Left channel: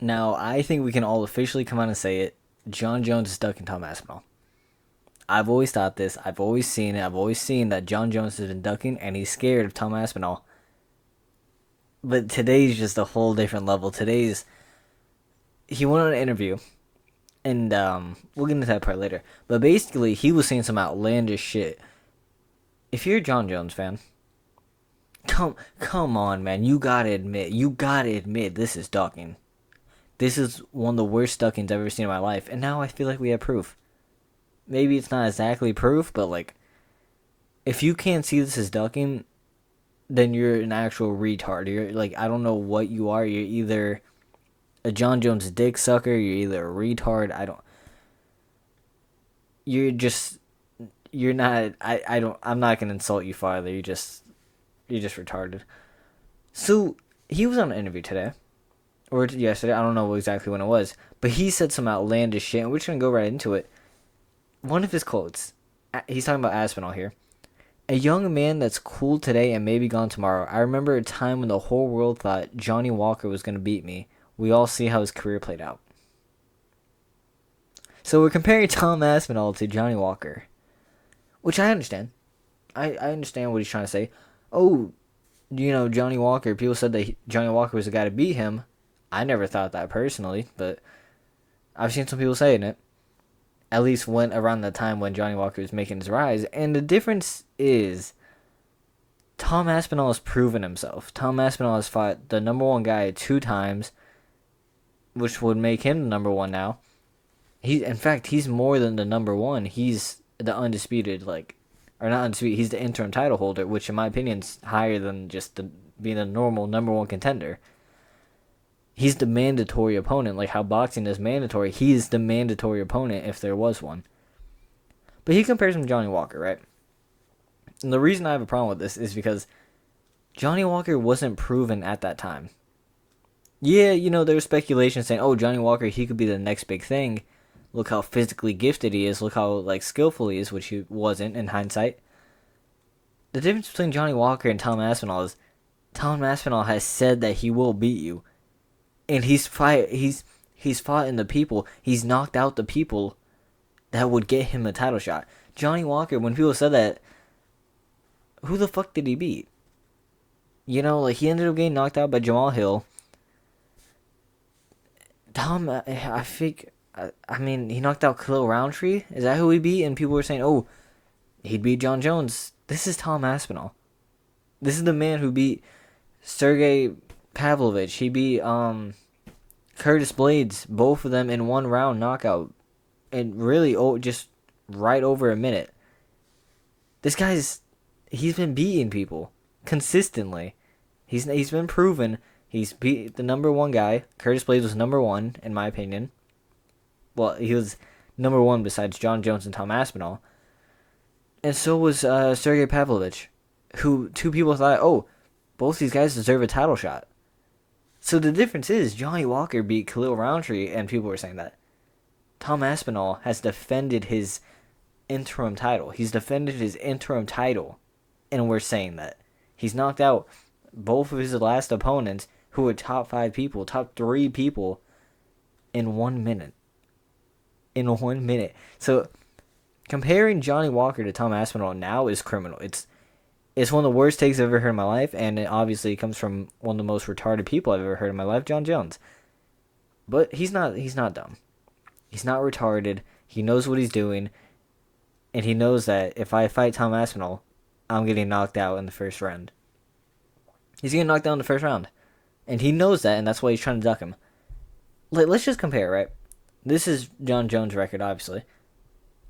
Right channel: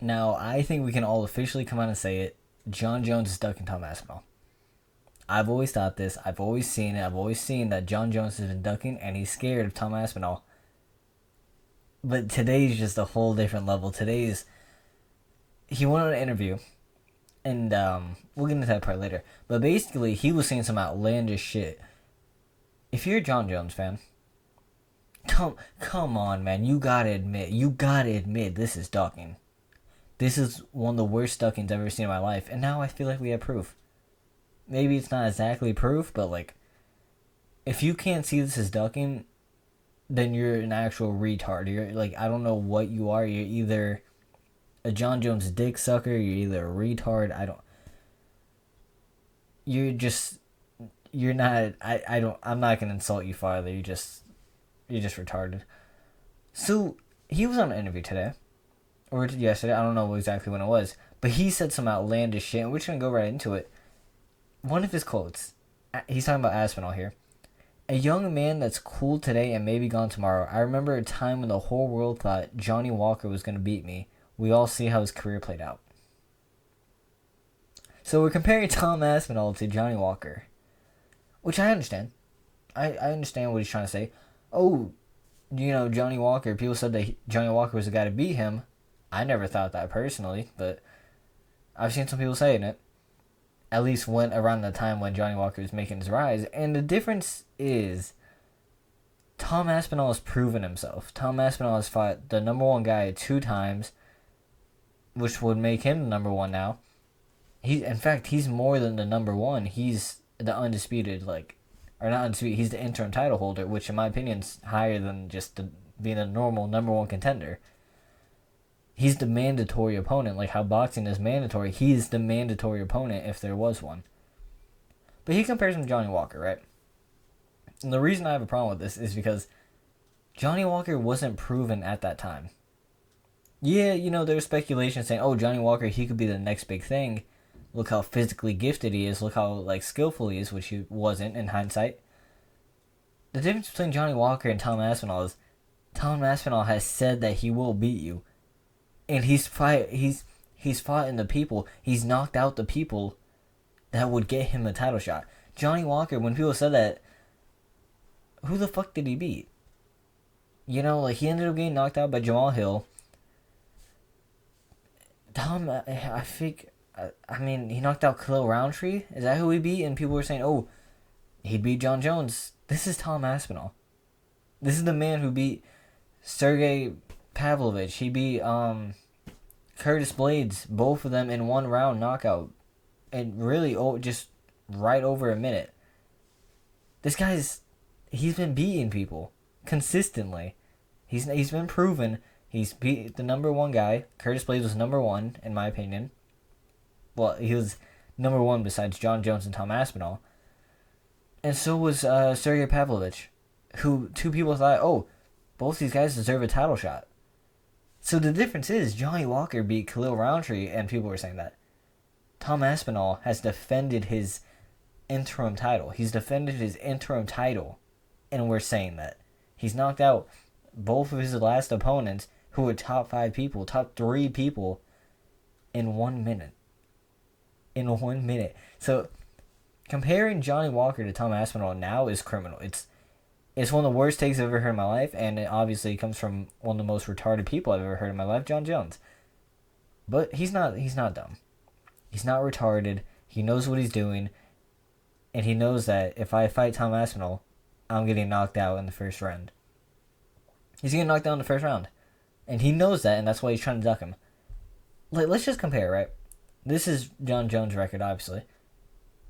Now, I think we can all officially come out and say it. John Jones is ducking Tom Aspinall. I've always thought this. I've always seen it. I've always seen that John Jones has been ducking, and he's scared of Tom Aspinall. But today's just a whole different level. He went on an interview, and we'll get into that part later. But basically, he was saying some outlandish shit. If you're a John Jones fan, come on, man. You gotta admit, this is ducking. This is one of the worst duckings I've ever seen in my life, and now I feel like we have proof. Maybe it's not exactly proof, but like, if you can't see this as ducking, then you're an actual retard. You're like, I don't know what you are. You're either a John Jones dick sucker. You're either a retard. I don't. You're just. You're not. I don't. I'm not gonna insult you farther. You're just retarded. So he was on an interview today, or yesterday. I don't know exactly when it was, but he said some outlandish shit, and we're just gonna go right into it. One of his quotes. He's talking about Aspinall here. A young man that's cool today and maybe gone tomorrow. I remember a time when the whole world thought Johnny Walker was going to beat me. We all see how his career played out. So we're comparing Tom Aspinall to Johnny Walker, which I understand. I understand what he's trying to say. Oh, Johnny Walker, people said that Johnny Walker was the guy to beat him. I never thought that personally, but I've seen some people saying it. At least went around the time when Johnny Walker was making his rise. And the difference is Tom Aspinall has proven himself. Tom Aspinall has fought the number one guy 2 times, which would make him the number one now. In fact, he's more than the number one. He's the undisputed, or not undisputed, he's the interim title holder, which in my opinion is higher than just being a normal number one contender. He's the mandatory opponent, like how boxing is mandatory. He's the mandatory opponent if there was one. But he compares him to Johnny Walker, right? And the reason I have a problem with this is because Johnny Walker wasn't proven at that time. Yeah, there's speculation saying, oh, Johnny Walker, he could be the next big thing. Look how physically gifted he is. Look how skillful he is, which he wasn't in hindsight. The difference between Johnny Walker and Tom Aspinall is Tom Aspinall has said that he will beat you. And he's fought in the people. He's knocked out the people that would get him a title shot. Johnny Walker, when people said that, who the fuck did he beat? He ended up getting knocked out by Jamal Hill. He knocked out Khalil Roundtree. Is that who he beat? And people were saying, oh, he'd beat John Jones. This is Tom Aspinall. This is the man who beat Sergey Pavlovich. He beat Curtis Blades, both of them in 1 round knockout, and really just right over a minute. This he's been beating people consistently. He's been proven. He's beat the number one guy. Curtis Blades was number one in my opinion. Well, he was number one besides John Jones and Tom Aspinall, and so was Sergey Pavlovich, who 2 people thought, oh, both these guys deserve a title shot. So the difference is Johnny Walker beat Khalil Roundtree, and people were saying that. Tom Aspinall has defended his interim title. He's defended his interim title, and we're saying that. He's knocked out both of his last opponents, who were top 5 people, top 3 people, in 1 minute. In 1 minute. So comparing Johnny Walker to Tom Aspinall now is criminal. It's one of the worst takes I've ever heard in my life, and it obviously comes from one of the most retarded people I've ever heard in my life, John Jones. But he's not dumb. He's not retarded. He knows what he's doing, and he knows that if I fight Tom Aspinall, I'm getting knocked out in the first round. He's getting knocked out in the first round. And he knows that, and that's why he's trying to duck him. Let's just compare, right? This is John Jones' record, obviously.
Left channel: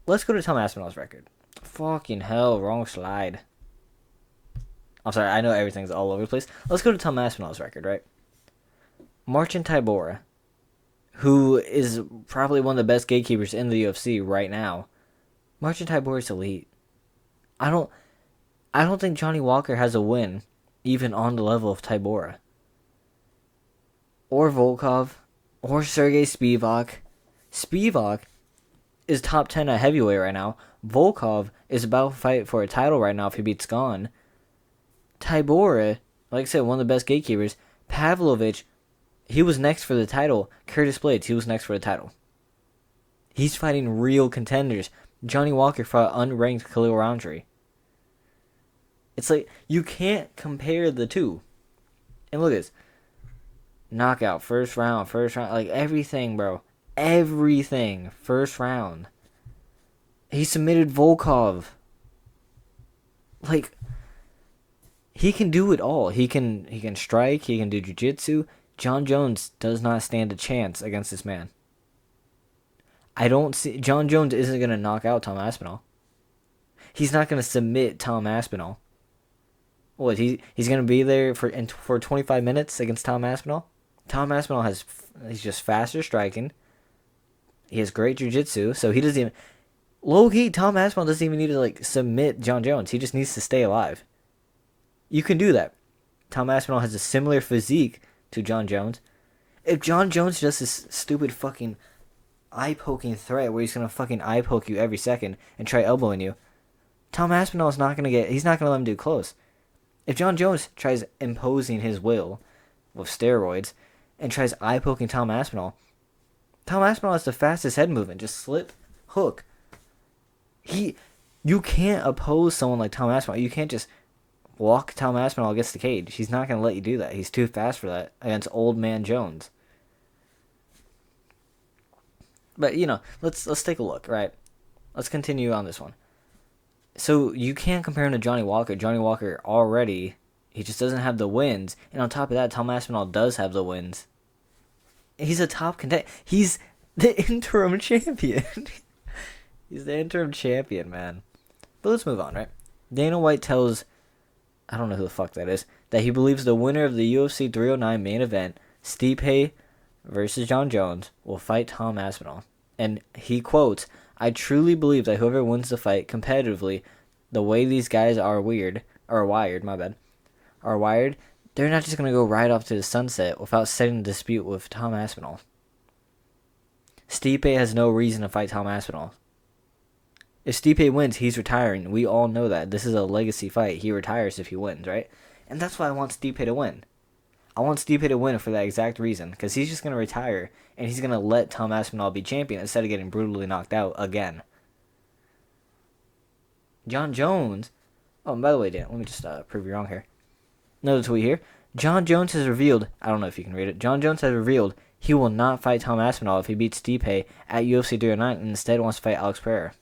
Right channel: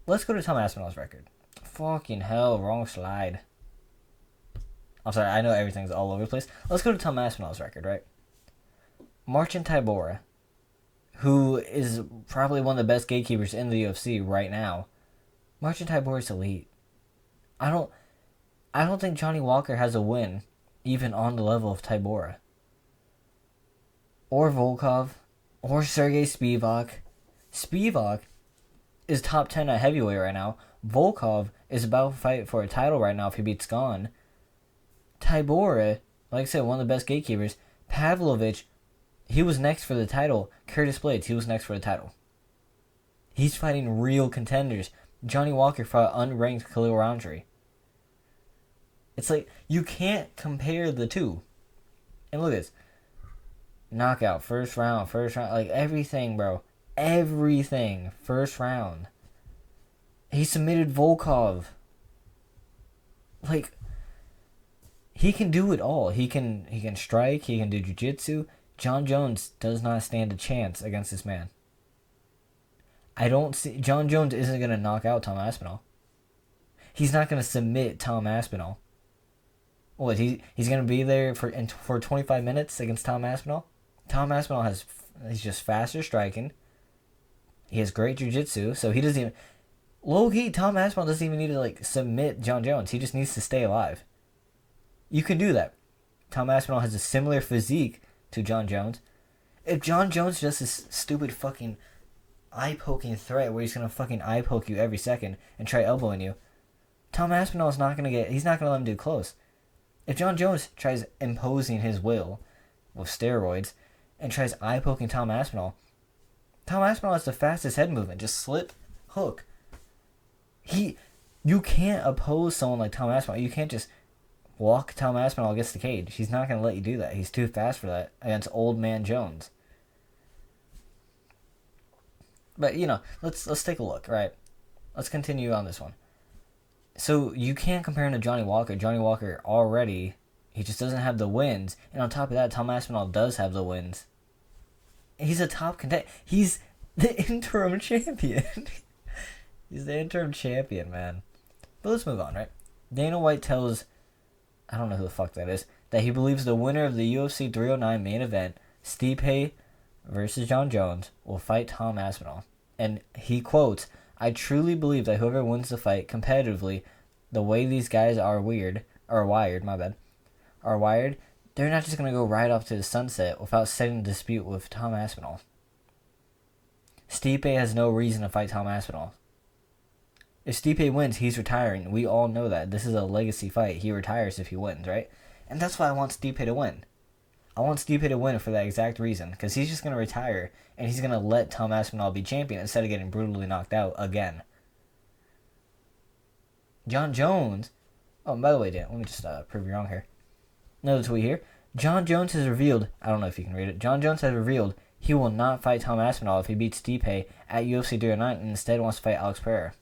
Let's go to Tom Aspinall's record. Fucking hell, wrong slide. I'm sorry, I know everything's all over the place. Let's go to Tom Aspinall's record, right? Marcin Tybura, who is probably one of the best gatekeepers in the UFC right now. Marcin Tybura is elite. I don't think Johnny Walker has a win, even on the level of Tybura. Or Volkov, or Sergey Spivak. Spivak is top 10 at heavyweight right now. Volkov is about to fight for a title right now if he beats Gon. Tybura, like I said, one of the best gatekeepers. Pavlovich He was next for the title. Curtis Blades, he was next for the title. He's fighting real contenders. Johnny Walker fought unranked Khalil Roundtree. It's like, you can't compare the two. And look at this. Knockout, first round, like everything, bro. Everything, first round. He submitted Volkov. Like, he can do it all. He can strike, he can do jiu-jitsu. John Jones does not stand a chance against this man. I don't see... John Jones isn't going to knock out Tom Aspinall. He's not going to submit Tom Aspinall. What, he's going to be there for 25 minutes against Tom Aspinall? Tom Aspinall he's just faster striking. He has great jiu-jitsu, so he doesn't even... Low-key, Tom Aspinall doesn't even need to, like, submit John Jones. He just needs to stay alive. You can do that. Tom Aspinall has a similar physique to John Jones. If John Jones does this stupid fucking eye-poking threat where he's going to fucking eye-poke you every second and try elbowing you, Tom Aspinall is not going to get... He's not going to let him do close. If John Jones tries imposing his will with steroids and tries eye-poking Tom Aspinall has the fastest head movement. Just slip, hook. You can't oppose someone like Tom Aspinall. You can't just walk Tom Aspinall against the cage. He's not going to let you do that. He's too fast for that against old man Jones. But, let's take a look, right? Let's continue on this one. So, you can't compare him to Johnny Walker. Johnny Walker already, he just doesn't have the wins. And on top of that, Tom Aspinall does have the wins. He's a top contender. He's the interim champion. He's the interim champion, man. But let's move on, right? Dana White tells, I don't know who the fuck that is, that he believes the winner of the UFC 309 main event, Stipe versus John Jones, will fight Tom Aspinall. And he quotes, "I truly believe that whoever wins the fight competitively, the way these guys are wired, they're not just going to go right off to the sunset without setting a dispute with Tom Aspinall. Stipe has no reason to fight Tom Aspinall. If Stipe wins, he's retiring. We all know that. This is a legacy fight. He retires if he wins, right? And that's why I want Stipe to win. I want Stipe to win for that exact reason, because he's just going to retire, and he's going to let Tom Aspinall be champion instead of getting brutally knocked out again. John Jones... Oh, and by the way, Dan, let me just prove you wrong here. Another tweet here. John Jones has revealed... I don't know if you can read it. John Jones has revealed he will not fight Tom Aspinall if he beats Stipe at UFC 309 and instead wants to fight Alex Pereira.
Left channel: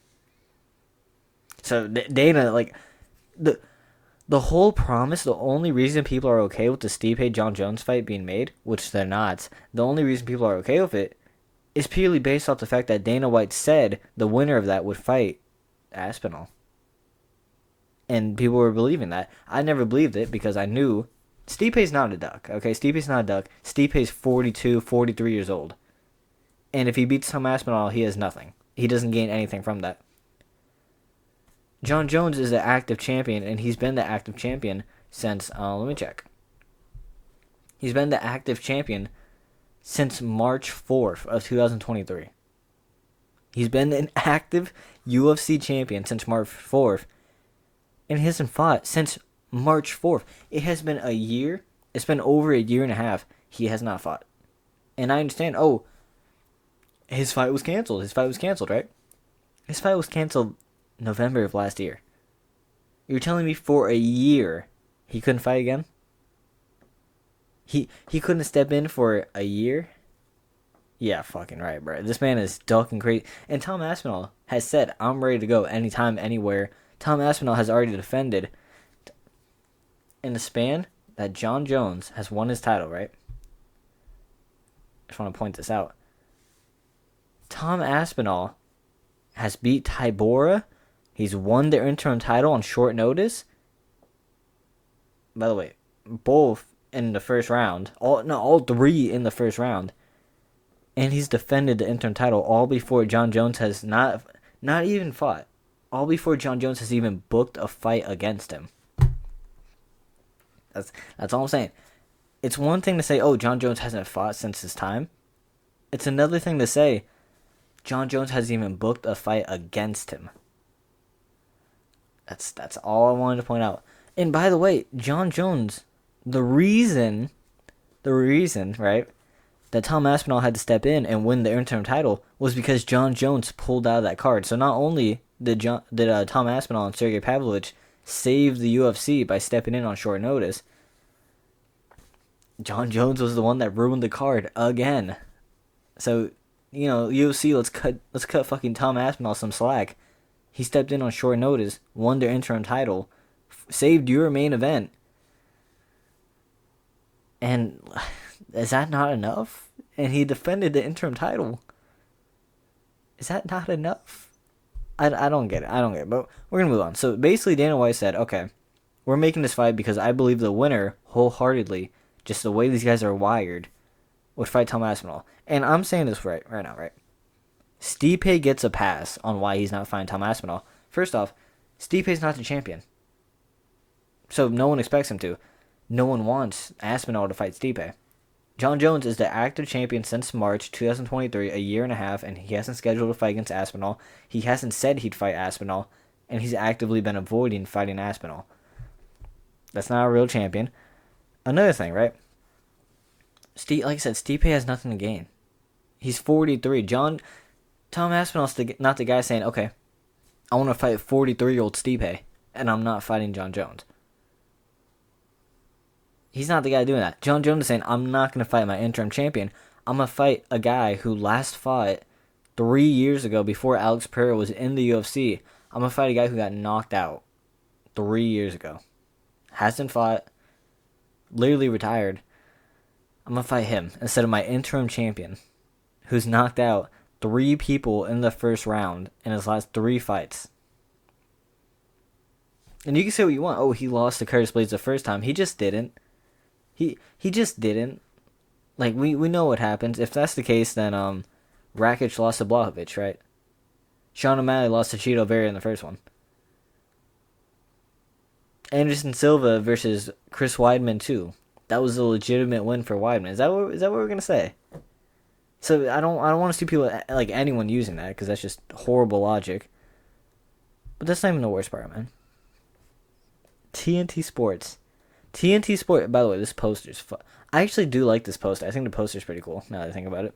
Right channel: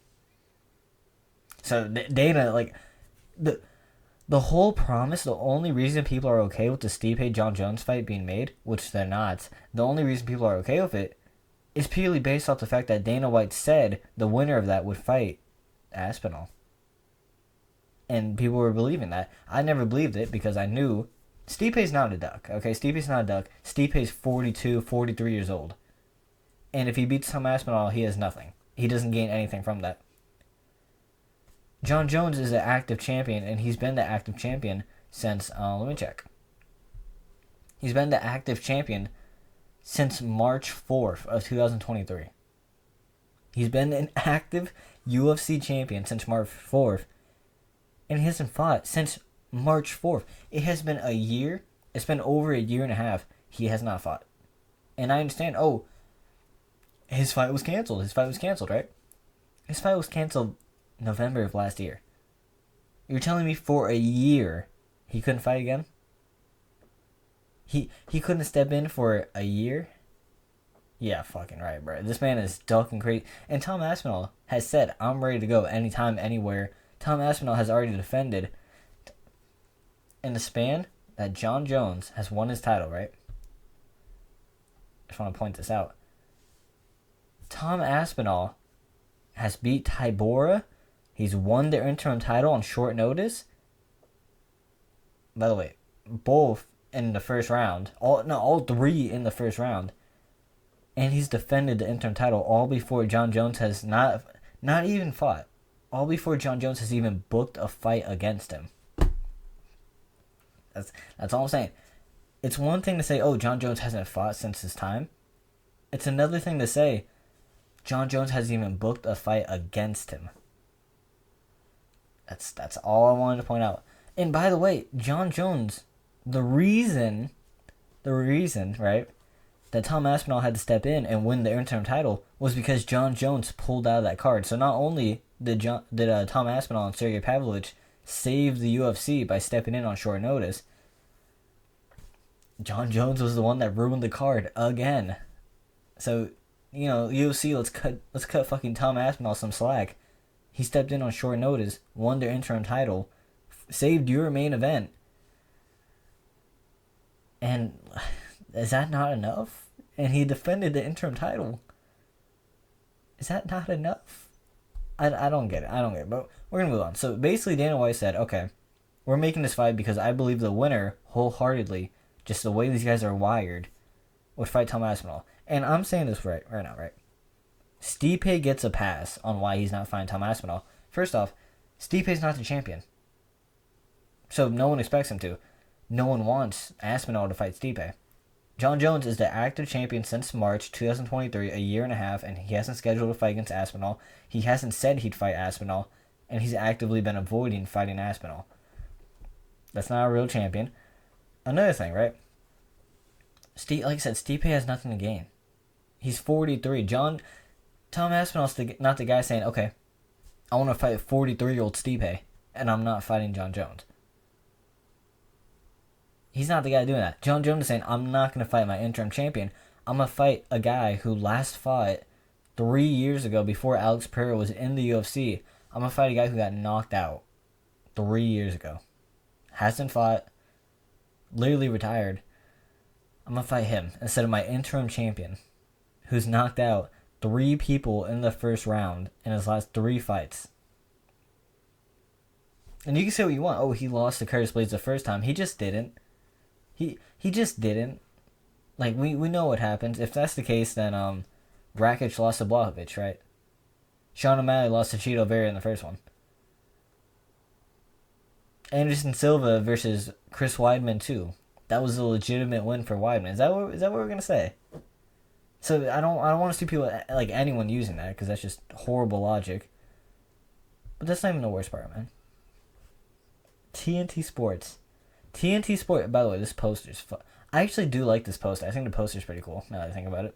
So, Dana, like... The whole promise, the only reason people are okay with the Stipe-John Jones fight being made, which they're not, the only reason people are okay with it is purely based off the fact that Dana White said the winner of that would fight Aspinall. And people were believing that. I never believed it because I knew Stipe's not a duck, okay? Stipe's not a duck. Stipe's 42, 43 years old. And if he beats Tom Aspinall, he has nothing. He doesn't gain anything from that. John Jones is an active champion, and he's been the active champion since, let me check. He's been the active champion since March 4th of 2023. He's been an active UFC champion since March 4th, and he hasn't fought since March 4th. It has been a year. It's been over a year and a half. He has not fought. And I understand, his fight was canceled. His fight was canceled, right? His fight was canceled November of last year. You're telling me for a year he couldn't fight again? He couldn't step in for a year? Yeah, fucking right, bro. This man is ducking crazy. And Tom Aspinall has said, I'm ready to go anytime, anywhere. Tom Aspinall has already defended in the span that John Jones has won his title, right? I just want to point this out. Tom Aspinall has beat Tybura. He's won their interim title on short notice. By the way, both in the first round. All three in the first round. And he's defended the interim title all before John Jones has not even fought. All before John Jones has even booked a fight against him. That's all I'm saying. It's one thing to say, John Jones hasn't fought since his time. It's another thing to say, John Jones hasn't even booked a fight against him. That's all I wanted to point out. And by the way, John Jones, the reason, right, that Tom Aspinall had to step in and win the interim title was because John Jones pulled out of that card. So not only did Tom Aspinall and Sergey Pavlovich save the UFC by stepping in on short notice, John Jones was the one that ruined the card again. So, UFC, let's cut fucking Tom Aspinall some slack. He stepped in on short notice, won their interim title, saved your main event. And is that not enough? And he defended the interim title. Is that not enough? I don't get it. But we're going to move on. So basically Dana White said, okay, we're making this fight because I believe the winner wholeheartedly, just the way these guys are wired, would fight Tom Aspinall. And I'm saying this right now, right? Stipe gets a pass on why he's not fighting Tom Aspinall. First off, Stipe's not the champion. So no one expects him to. No one wants Aspinall to fight Stipe. John Jones is the active champion since March 2023, a year and a half, and he hasn't scheduled a fight against Aspinall. He hasn't said he'd fight Aspinall, and he's actively been avoiding fighting Aspinall. That's not a real champion. Another thing, right? Like I said, Stipe has nothing to gain. He's 43. Tom Aspinall's not the guy saying, okay, I want to fight 43-year-old Stipe, and I'm not fighting John Jones. He's not the guy doing that. John Jones is saying, I'm not going to fight my interim champion. I'm going to fight a guy who last fought 3 years ago before Alex Pereira was in the UFC. I'm going to fight a guy who got knocked out 3 years ago. Hasn't fought. Literally retired. I'm going to fight him instead of my interim champion who's knocked out 3 people in the first round in his last 3 fights. And you can say what you want. Oh, he lost to Curtis Blades the first time. He just didn't. He just didn't. Like, we know what happens. If that's the case, then Rakic lost to Blachowicz, right? Sean O'Malley lost to Cheeto Vera in the first one. Anderson Silva versus Chris Weidman too. That was a legitimate win for Weidman. Is that what we're gonna say? So I don't want to see people like anyone using that because that's just horrible logic. But that's not even the worst part, man. TNT Sports. By the way, this poster's fun. I actually do like this poster. I think the poster's pretty cool, now that I think about it.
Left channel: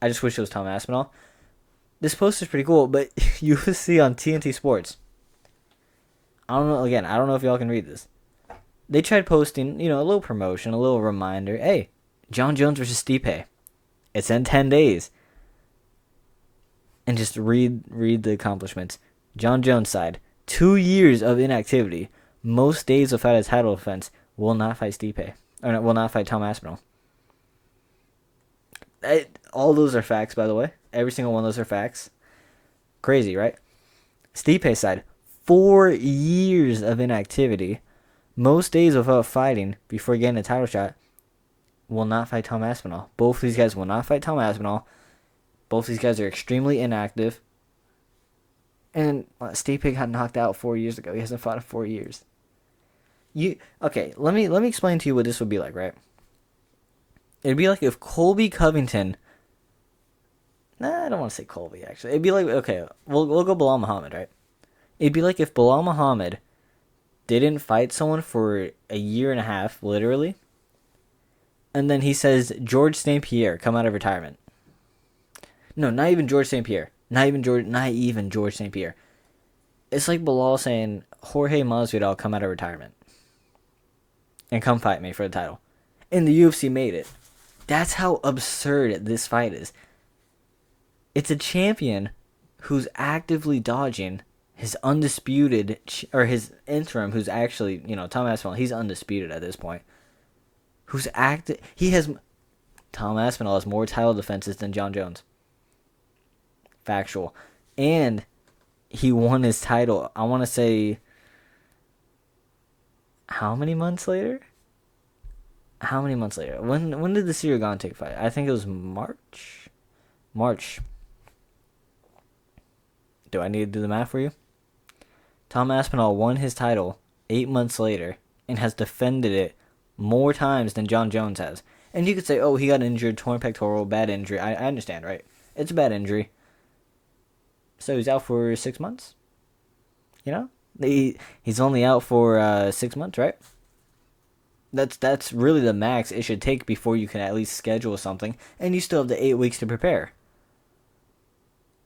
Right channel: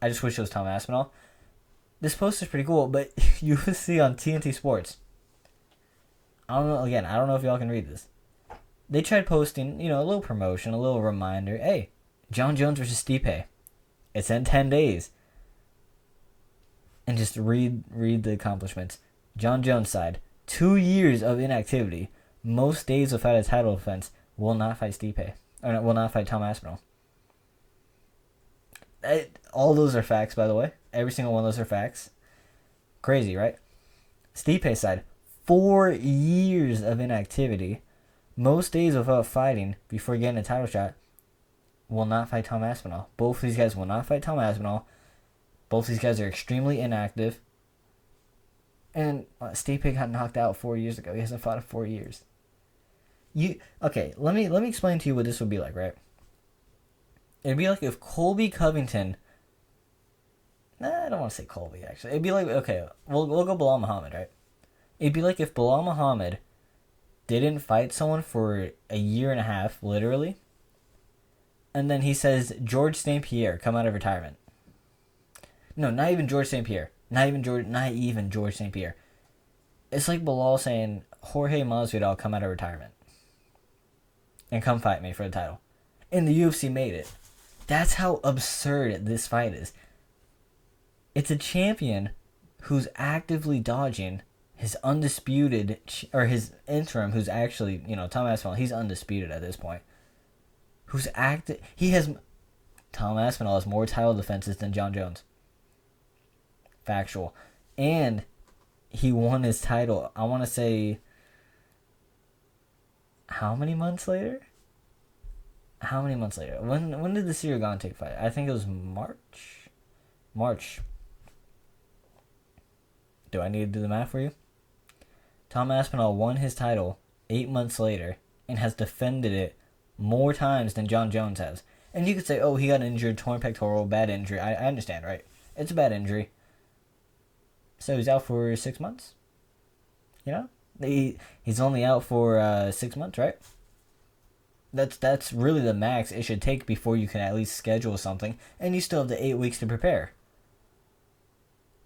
I just wish it was Tom Aspinall. This poster's pretty cool, but you will see on TNT Sports. I don't know if y'all can read this. They tried posting, a little promotion, a little reminder. Hey, John Jones versus Stipe. It's in 10 days. And just read the accomplishments. John Jones side. 2 years of inactivity. Most days without a title defense. Will not fight Stipe. Or will not fight Tom Aspinall. All those are facts, by the way. Every single one of those are facts. Crazy, right? Stipe side. 4 years of inactivity. Most days without fighting before getting a title shot. Will not fight Tom Aspinall. Both of these guys will not fight Tom Aspinall. Both of these guys are extremely inactive. And Stipe got knocked out 4 years ago. He hasn't fought in 4 years. Let me explain to you what this would be like, right? It'd be like if Colby Covington. Nah, I don't want to say Colby, actually. It'd be like, okay, we'll go Bilal Muhammad, right? It'd be like if Bilal Muhammad didn't fight someone for a year and a half, literally. And then he says, George St. Pierre, come out of retirement. No, not even George St. Pierre. Not even George St. Pierre. It's like Bilal saying, Jorge Masvidal, come out of retirement. And come fight me for the title. And the UFC made it. That's how absurd this fight is. It's a champion who's actively dodging his undisputed, or his interim, who's actually, Tom Aspinall, he's undisputed at this point. Tom Aspinall has more title defenses than John Jones. Factual. And he won his title, I want to say, how many months later? When did the Ciryl take fight? I think it was March. Do I need to do the math for you? Tom Aspinall won his title 8 months later and has defended it more times than John Jones has. And you could say, oh, he got injured, torn pectoral, bad injury. I understand, right? It's a bad injury. So he's out for 6 months? He's only out for 6 months, right? That's really the max it should take before you can at least schedule something, and you still have the 8 weeks to prepare.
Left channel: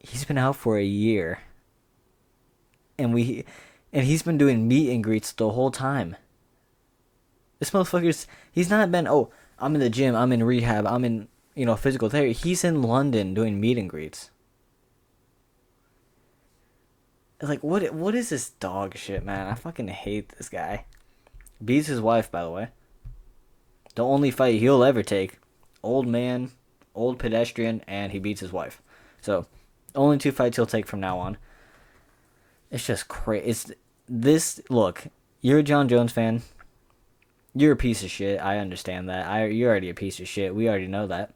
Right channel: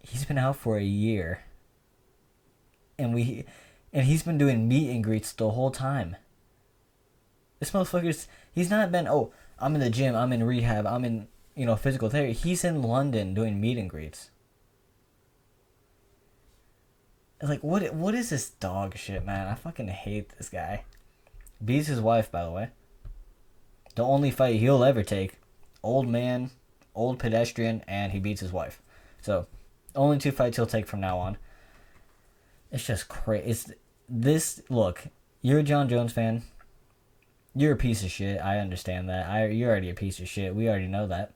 He's been out for a year, and he's been doing meet and greets the whole time. This motherfucker's he's not been, oh, I'm in the gym, I'm in rehab, I'm in, physical therapy. He's in London doing meet and greets. Like, what is this dog shit, man? I fucking hate this guy. Beats his wife, by the way. The only fight he'll ever take. Old man, old pedestrian, and he beats his wife. So, only 2 fights he'll take from now on. It's just crazy. Look, you're a John Jones fan. You're a piece of shit. I understand that. You're already a piece of shit. We already know that.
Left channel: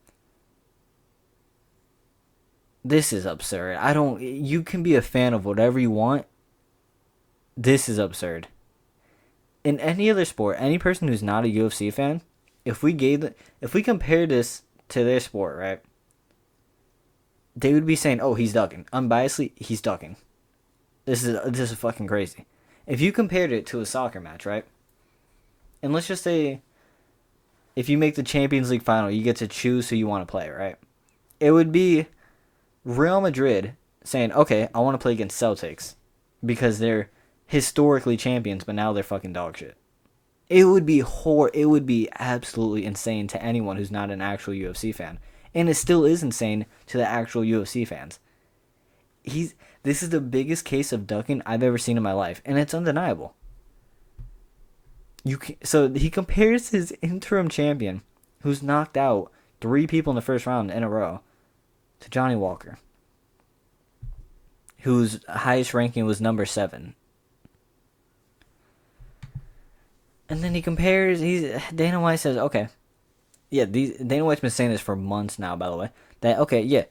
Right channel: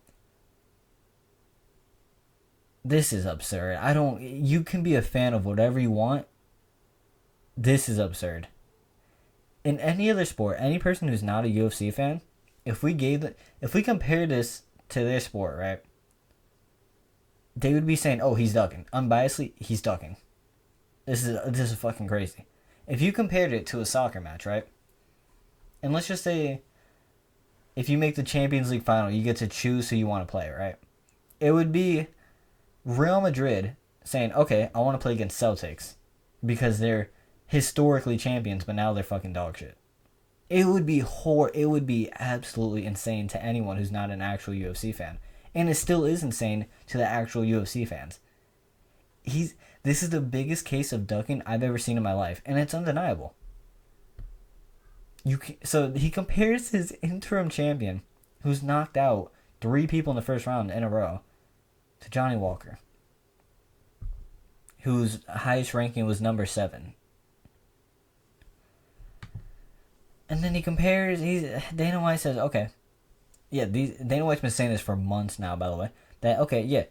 This is absurd. You can be a fan of whatever you want. This is absurd. In any other sport, any person who's not a UFC fan, if we compare this to their sport, right? They would be saying, "Oh, he's ducking." Unbiasedly, he's ducking. This is fucking crazy. If you compared it to a soccer match, right? And let's just say, if you make the Champions League final, you get to choose who you want to play, right? It would be Real Madrid saying, "Okay, I want to play against Celtics because they're historically champions, but now they're fucking dog shit." It would be absolutely insane to anyone who's not an actual UFC fan. And it still is insane to the actual UFC fans. This is the biggest case of ducking I've ever seen in my life, and it's undeniable. So he compares his interim champion, who's knocked out 3 people in the first round in a row, to Johnny Walker, whose highest ranking was number 7. And then he compares. Dana White says, "Okay, yeah." Dana White's been saying this for months now, by the way. That okay, yeah,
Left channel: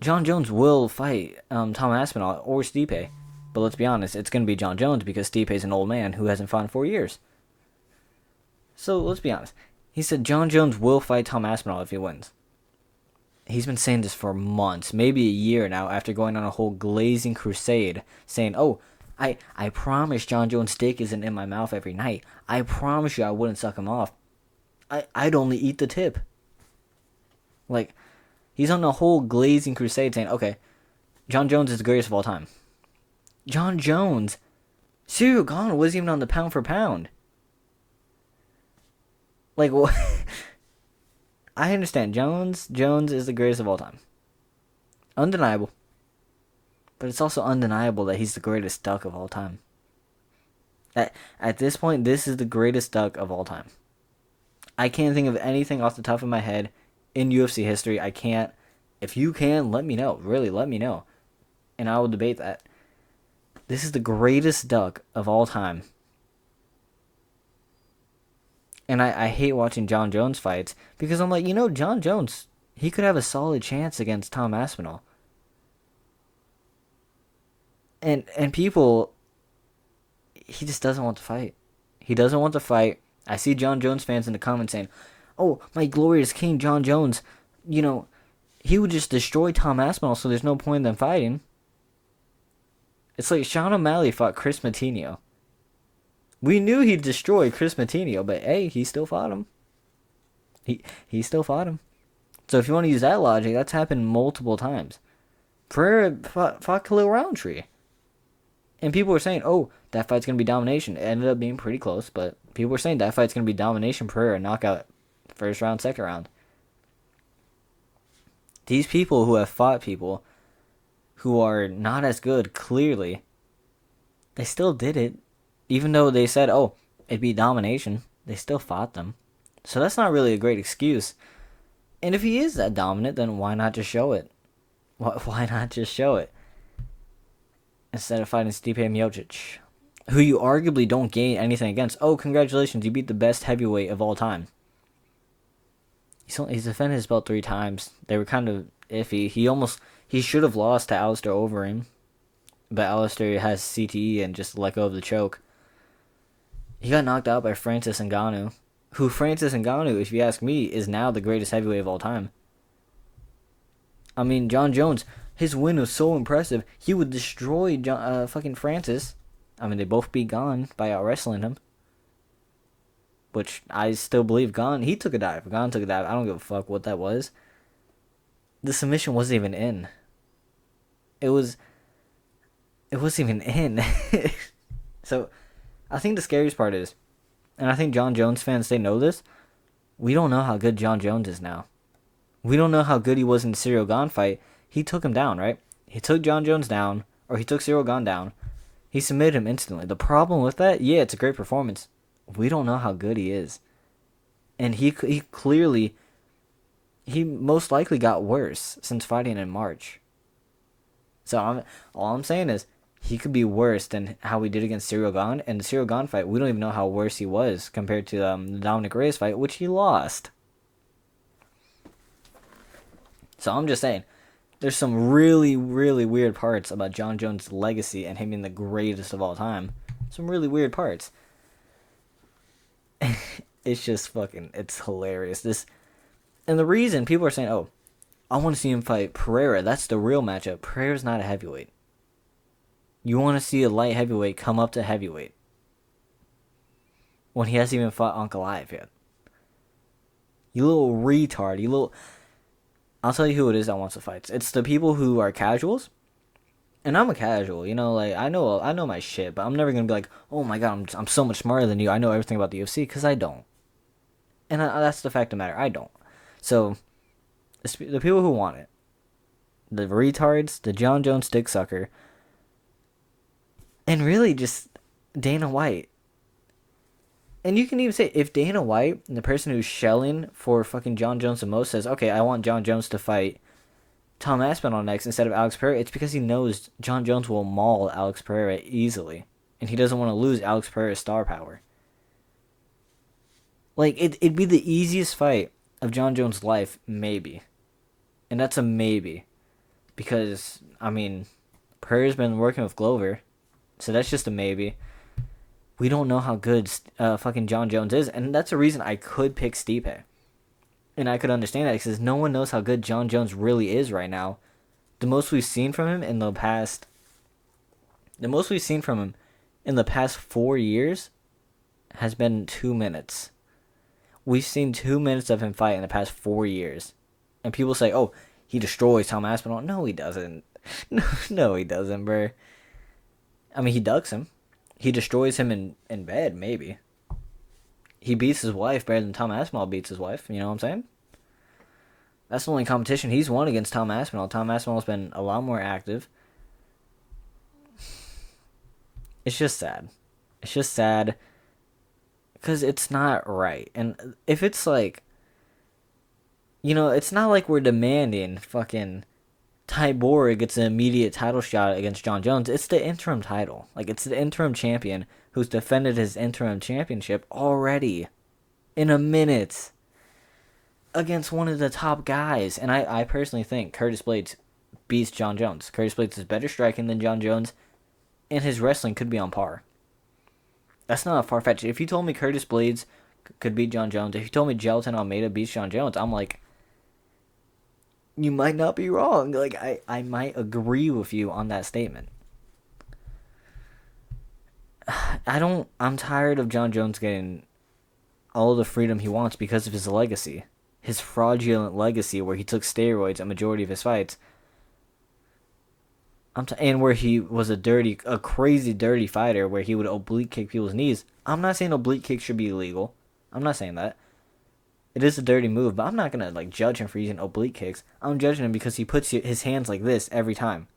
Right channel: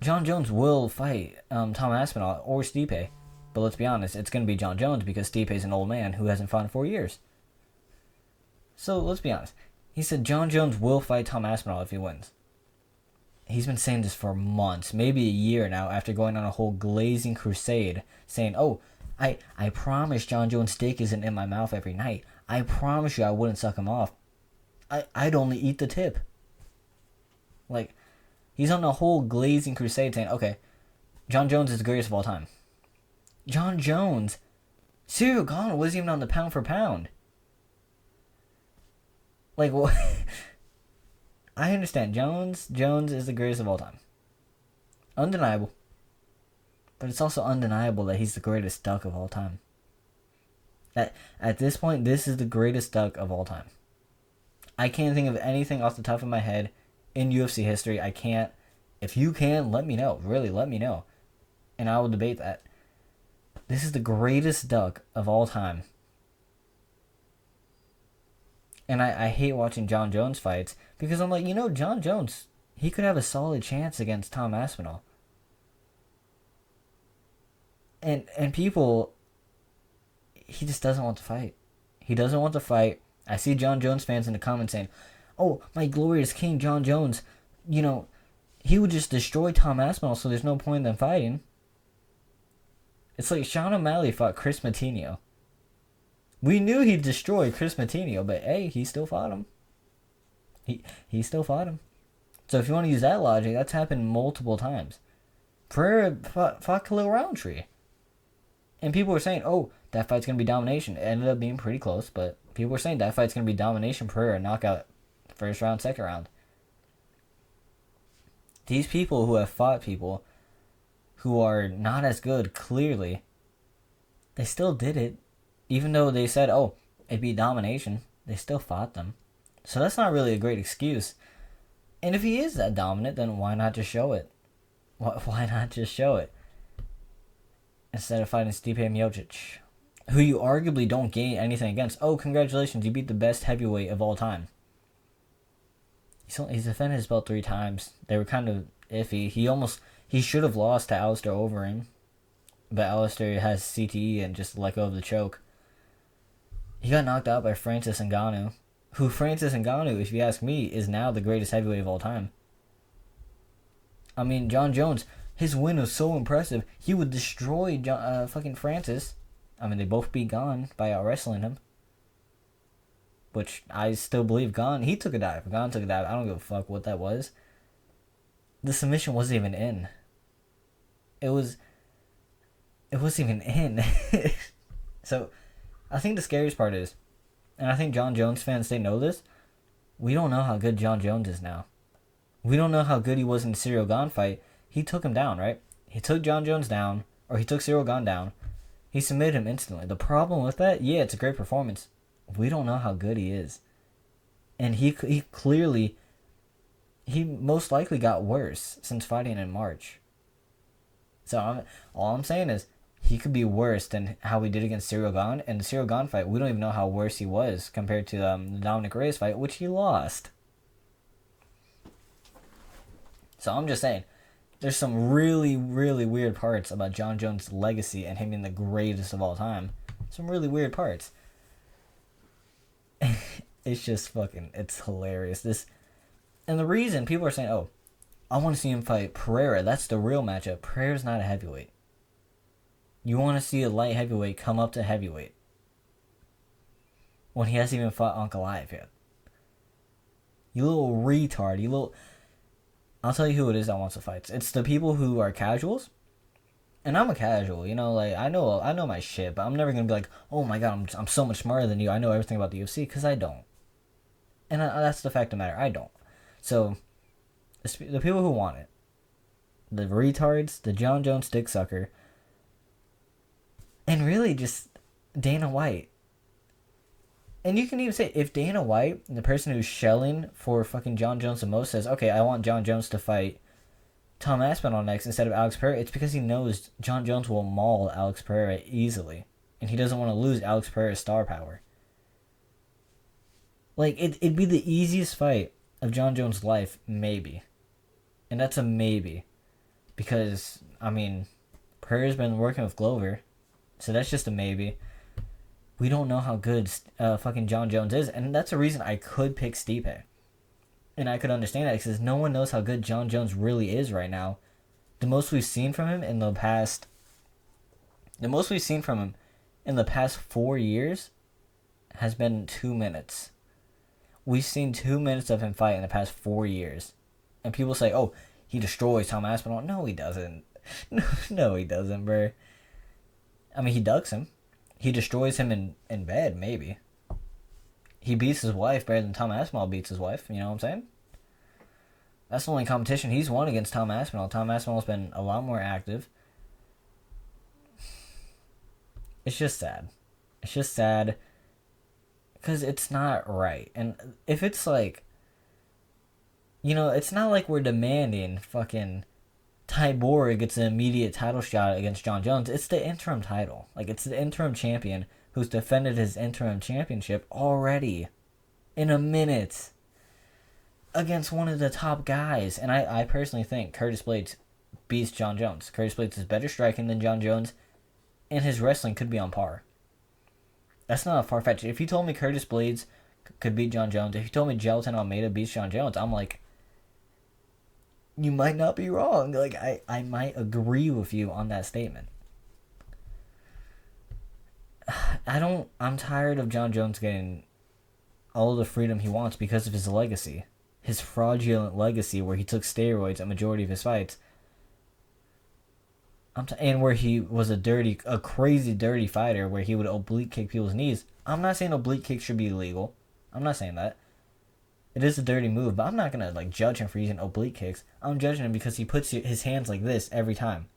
John Jones will fight Tom Aspinall or Stipe, but let's be honest, it's gonna be John Jones because Stipe's an old man who hasn't fought in 4 years. So let's be honest. He said John Jones will fight Tom Aspinall if he wins. He's been saying this for months, maybe a year now, after going on a whole glazing crusade, saying, "Oh, I promise John Jones' steak isn't in my mouth every night. I promise you I wouldn't suck him off. I'd only eat the tip." Like, he's on a whole glazing crusade saying, "Okay, John Jones is the greatest of all time." John Jones, Cyril Gane wasn't even on the pound for pound. Like, what? I understand. Jones is the greatest of all time. Undeniable. But it's also undeniable that he's the greatest duck of all time. At this point, this is the greatest duck of all time. I can't think of anything off the top of my head in UFC history. I can't. If you can, let me know. Really, let me know. And I will debate that. This is the greatest duck of all time. And I hate watching John Jones fights because I'm like, John Jones, he could have a solid chance against Tom Aspinall. And people, he just doesn't want to fight. He doesn't want to fight. I see John Jones fans in the comments saying, "Oh, my glorious king, John Jones, he would just destroy Tom Aspinall, so there's no point in them fighting." It's like Sean O'Malley fought Chris Matinho. We knew he'd destroy Chris Matinho, but hey, he still fought him. He still fought him. So if you want to use that logic, that's happened multiple times. Pereira fought Khalil Roundtree. And people were saying, "Oh, that fight's going to be domination." It ended up being pretty close, but people were saying that fight's going to be domination, Pereira, knockout, first round, second round. These people who have fought people who are not as good, clearly, they still did it. Even though they said, "Oh, it'd be domination," they still fought them. So that's not really a great excuse. And if he is that dominant, then why not just show it? Why not just show it? Instead of fighting Stipe Miocic, who you arguably don't gain anything against. Oh, congratulations, you beat the best heavyweight of all time. He's defended his belt 3 times. They were kind of iffy. He should have lost to Alistair Overeem, but Alistair has CTE and just let go of the choke. He got knocked out by Francis Ngannou, who Francis Ngannou, if you ask me, is now the greatest heavyweight of all time. I mean, John Jones, his win was so impressive. He would destroy fucking Francis. I mean, they both beat Gane by out wrestling him. which I still believe he took a dive. Gon took a dive. I don't give a fuck what that was. The submission wasn't even in. It wasn't even in. So, I think the scariest part is, and I think Jon Jones fans, they know this, we don't know how good Jon Jones is now. We don't know how good he was in the Ciryl Gane fight. He took him down, right? He took Jon Jones down, or he took Ciryl Gane down. He submitted him instantly. The problem with that, yeah, it's a great performance. We don't know how good he is. And he clearly, he most likely got worse since fighting in March. So all I'm saying is, he could be worse than how he did against Ciryl Gane. And the Ciryl Gane fight, we don't even know how worse he was compared to the Dominic Reyes fight, which he lost. So I'm just saying, there's some really, really weird parts about Jon Jones' legacy and him being the greatest of all time. Some really weird parts. It's just fucking, it's hilarious. And the reason people are saying, oh, I want to see him fight Pereira. That's the real matchup. Pereira's not a heavyweight. You want to see a light heavyweight come up to heavyweight when he hasn't even fought Ankalaev yet. You little retard. I'll tell you who it is that wants to fight. It's the people who are casuals. And I'm a casual, like, I know my shit, but I'm never going to be like, oh my god, I'm so much smarter than you. I know everything about the UFC, because I don't. And that's the fact of the matter. I don't. So, the people who want it, the retards, the Jon Jones dick sucker, and really just Dana White. And you can even say, if Dana White, the person who's shelling for fucking Jon Jones the most, says, okay, I want Jon Jones to fight Tom Aspinall next instead of Alex Pereira, it's because he knows Jon Jones will maul Alex Pereira easily. And he doesn't want to lose Alex Pereira's star power. Like, it'd be the easiest fight of Jon Jones' life, maybe. And that's a maybe. Because, Pereira's been working with Glover. So that's just a maybe. We don't know how good fucking Jon Jones is. And that's a reason I could pick Stipe. And I could understand that because no one knows how good Jon Jones really is right now. The most we've seen from him in the past 4 years has been 2 minutes. We've seen 2 minutes of him fight in the past 4 years. And people say, oh, he destroys Tom Aspinall. No, he doesn't. No, he doesn't, bro. He ducks him. He destroys him in bed, maybe. He beats his wife better than Tom Aspinall beats his wife. You know what I'm saying? That's the only competition he's won against Tom Aspinall. Tom Aspinall's been a lot more active. It's just sad. It's just sad. Because it's not right. And if it's like... it's not like we're demanding fucking Tybura gets an immediate title shot against Jon Jones. It's the interim title. Like, it's the interim champion who's defended his interim championship already in a minute against one of the top guys. And I personally think Curtis Blades beats Jon Jones. Curtis Blades is better striking than Jon Jones, and his wrestling could be on par. That's not a far-fetched. If you told me Curtis Blades could beat Jon Jones, if you told me Gelatin Almeida beats Jon Jones, I'm like, you might not be wrong. Like, I might agree with you on that statement. I'm tired of Jon Jones getting all the freedom he wants because of his legacy. His fraudulent legacy where he took steroids a majority of his fights. And where he was a crazy dirty fighter where he would oblique kick people's knees. I'm not saying oblique kick should be illegal. I'm not saying that. It is a dirty move, but I'm not going to judge him for using oblique kicks. I'm judging him because he puts his hands like this every time.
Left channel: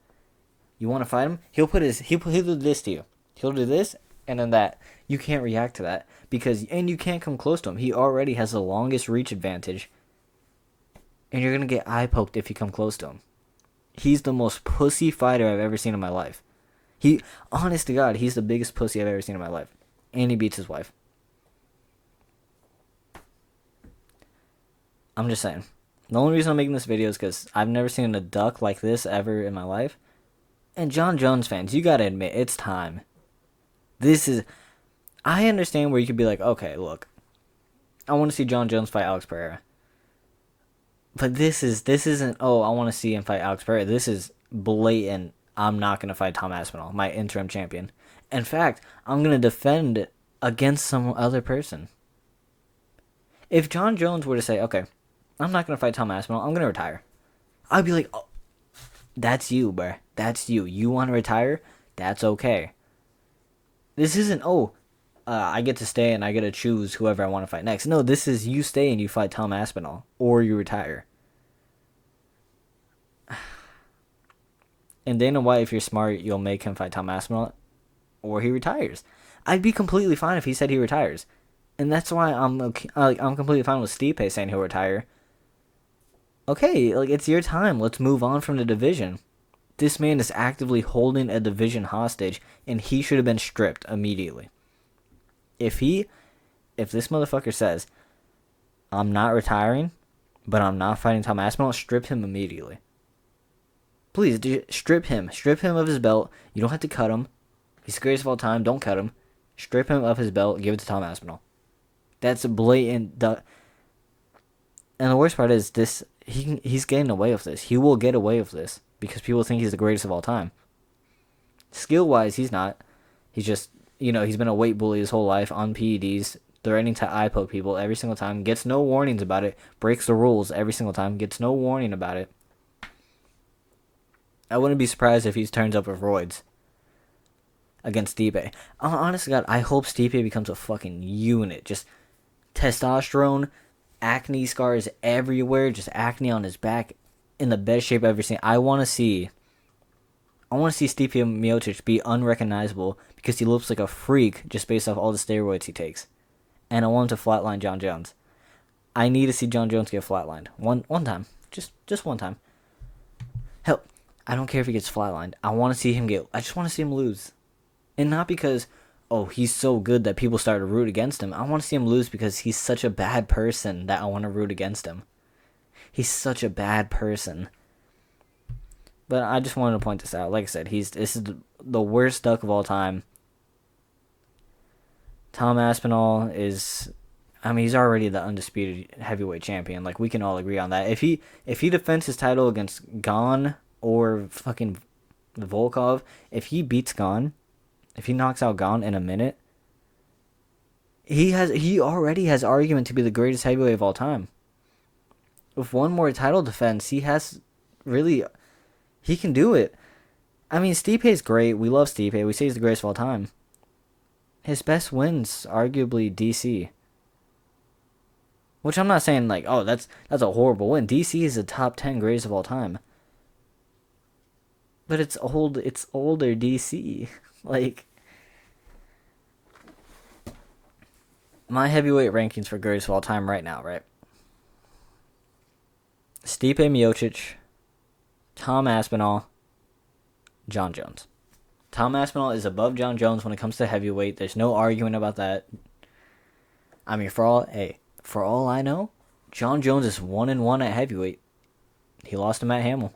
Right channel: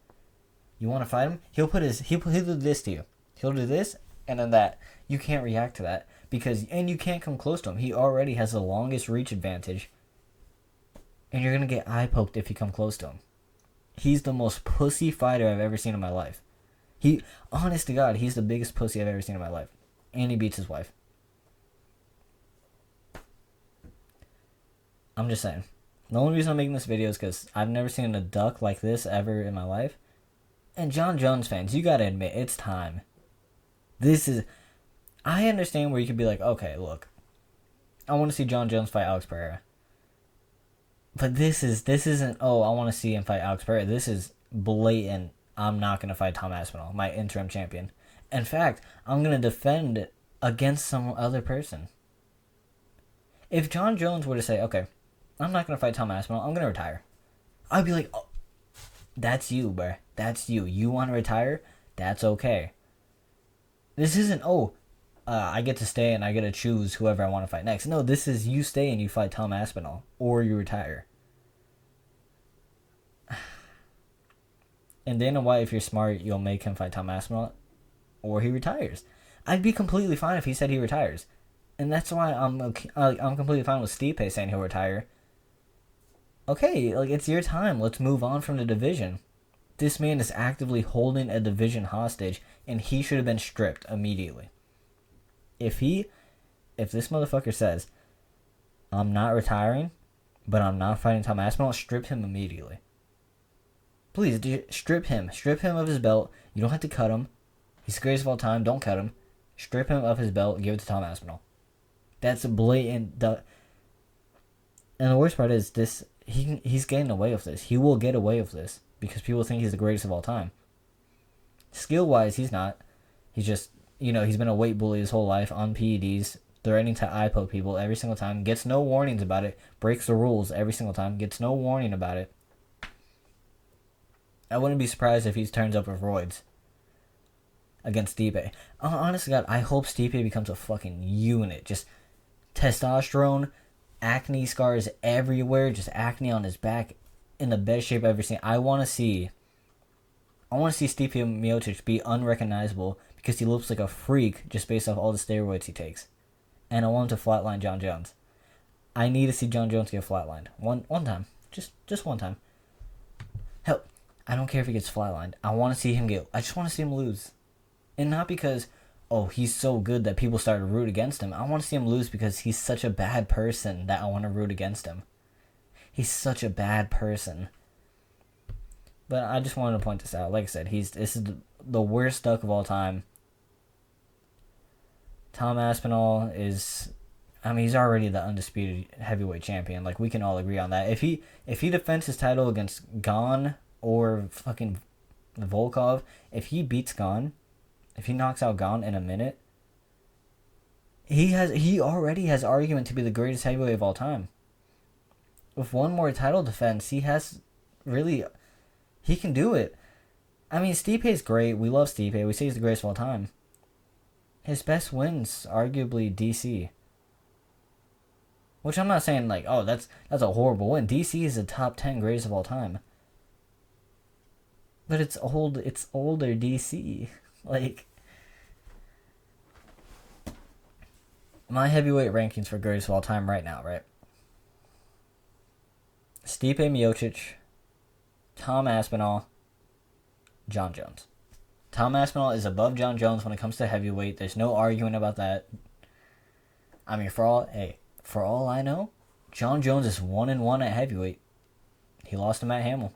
You want to fight him? He'll do this to you. He'll do this and then that. You can't react to that and you can't come close to him. He already has the longest reach advantage. And you're going to get eye poked if you come close to him. He's the most pussy fighter I've ever seen in my life. Honest to God, he's the biggest pussy I've ever seen in my life. And he beats his wife. I'm just saying. The only reason I'm making this video is because I've never seen a duck like this ever in my life. And Jon Jones fans, you gotta admit, it's time. I understand where you could be like, okay, look, I want to see Jon Jones fight Alex Pereira. But this isn't, oh, I want to see him fight Alex Pereira. This is blatant, I'm not going to fight Tom Aspinall, my interim champion. In fact, I'm going to defend it against some other person. If John Jones were to say, okay, I'm not going to fight Tom Aspinall, I'm going to retire, I'd be like, oh, that's you, bruh. That's you. You want to retire? That's okay. This isn't, I get to stay and I get to choose whoever I want to fight next. No, this is you stay and you fight Tom Aspinall, or you retire. And Dana White, if you're smart, you'll make him fight Tom Aspinall, or he retires. I'd be completely fine if he said he retires. And that's why I'm completely fine with Stipe saying he'll retire. Okay, like, it's your time. Let's move on from the division. This man is actively holding a division hostage, and he should have been stripped immediately. If this motherfucker says, I'm not retiring, but I'm not fighting Tom Aspinall, strip him immediately. Please, strip him. Strip him of his belt. You don't have to cut him. He's the greatest of all time. Don't cut him. Strip him of his belt. Give it to Tom Aspinall. That's a blatant... And the worst part is, he's getting away with this. He will get away with this because people think he's the greatest of all time. Skill-wise, he's not. He's just, he's been a weight bully his whole life on PEDs, threatening to eye poke people every single time, gets no warnings about it, breaks the rules every single time, gets no warning about it. I wouldn't be surprised if he turns up with roids against Stipe. Honestly, God, I hope Stipe becomes a fucking unit. Just testosterone, acne scars everywhere, just acne on his back, in the best shape I've ever seen. I want to see Stipe Miocic be unrecognizable because he looks like a freak just based off all the steroids he takes. And I want him to flatline John Jones. I need to see John Jones get flatlined. One time. Just one time. Hell, I don't care if he gets flatlined. I just want to see him lose. And not because, he's so good that people start to root against him. I want to see him lose because he's such a bad person that I want to root against him. He's such a bad person. But I just wanted to point this out. Like I said, this is the worst duck of all time. Tom Aspinall is... he's already the undisputed heavyweight champion. Like, we can all agree on that. If he defends his title against Gon or fucking Volkov, if he beats Gon, if he knocks out Gon in a minute, he already has argument to be the greatest heavyweight of all time. With one more title defense, he can do it. Stipe's great. We love Stipe. We say he's the greatest of all time. His best win's arguably DC. Which I'm not saying like, that's a horrible win. DC is a top 10 greatest of all time. But it's older DC. Like, my heavyweight rankings for greatest of all time right now, right? Stipe Miocic, Tom Aspinall, John Jones. Tom Aspinall is above John Jones when it comes to heavyweight. There's no arguing about that. For all I know, John Jones is 1-1 at heavyweight. He lost to Matt Hamill.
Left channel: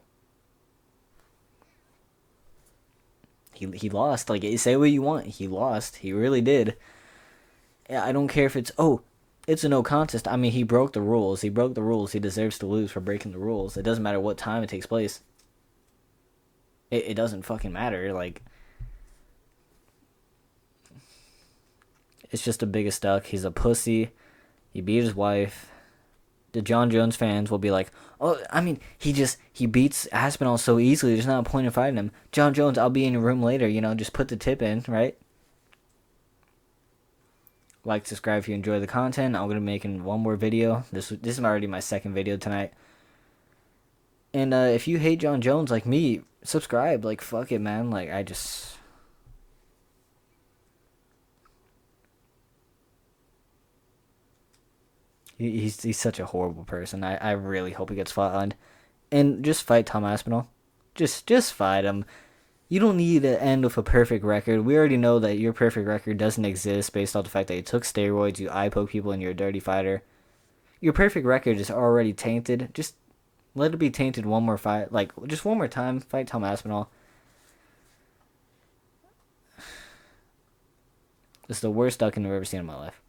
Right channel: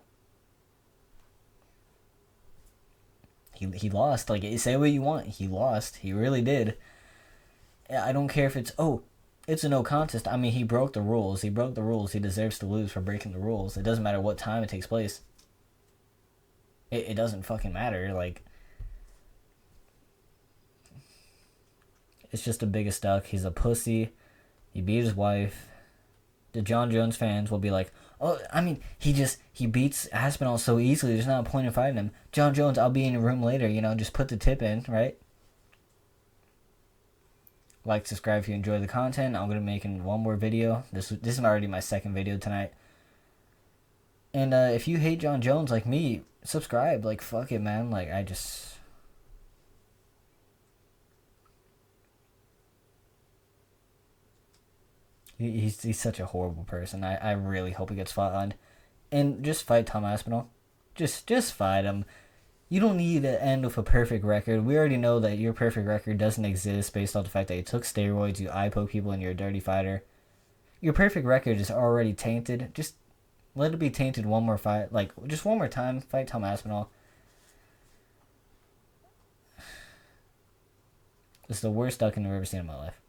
He lost. Like, say what you want. He lost. He really did. I don't care if it's a no contest. He broke the rules. He broke the rules. He deserves to lose for breaking the rules. It doesn't matter what time it takes place. It doesn't fucking matter. Like, it's just the biggest duck. He's a pussy. He beat his wife. The John Jones fans will be like, he beats Aspinall so easily, there's not a point in fighting him. John Jones, I'll be in your room later, just put the tip in, right? Like, subscribe if you enjoy the content. I'm going to be making one more video. This is already my second video tonight. And if you hate John Jones like me, subscribe. Like, fuck it, man. Like, He's such a horrible person. I really hope he gets flatlined. And just fight Tom Aspinall. Just fight him. You don't need to end with a perfect record. We already know that your perfect record doesn't exist based off the fact that you took steroids, you eye poke people, and you're a dirty fighter. Your perfect record is already tainted. Just let it be tainted one more fight. Like, just one more time. Fight Tom Aspinall. This is the worst ducking I've ever seen in my life.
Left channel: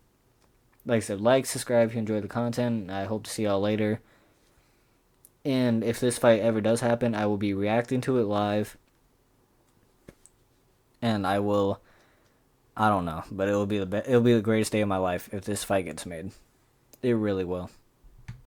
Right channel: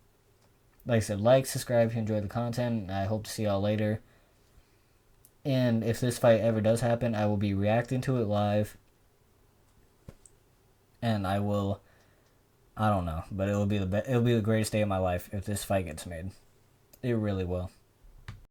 Like I said, subscribe if you enjoy the content. I hope to see y'all later. And if this fight ever does happen, I will be reacting to it live. And I don't know, but it'll be the greatest day of my life if this fight gets made. It really will.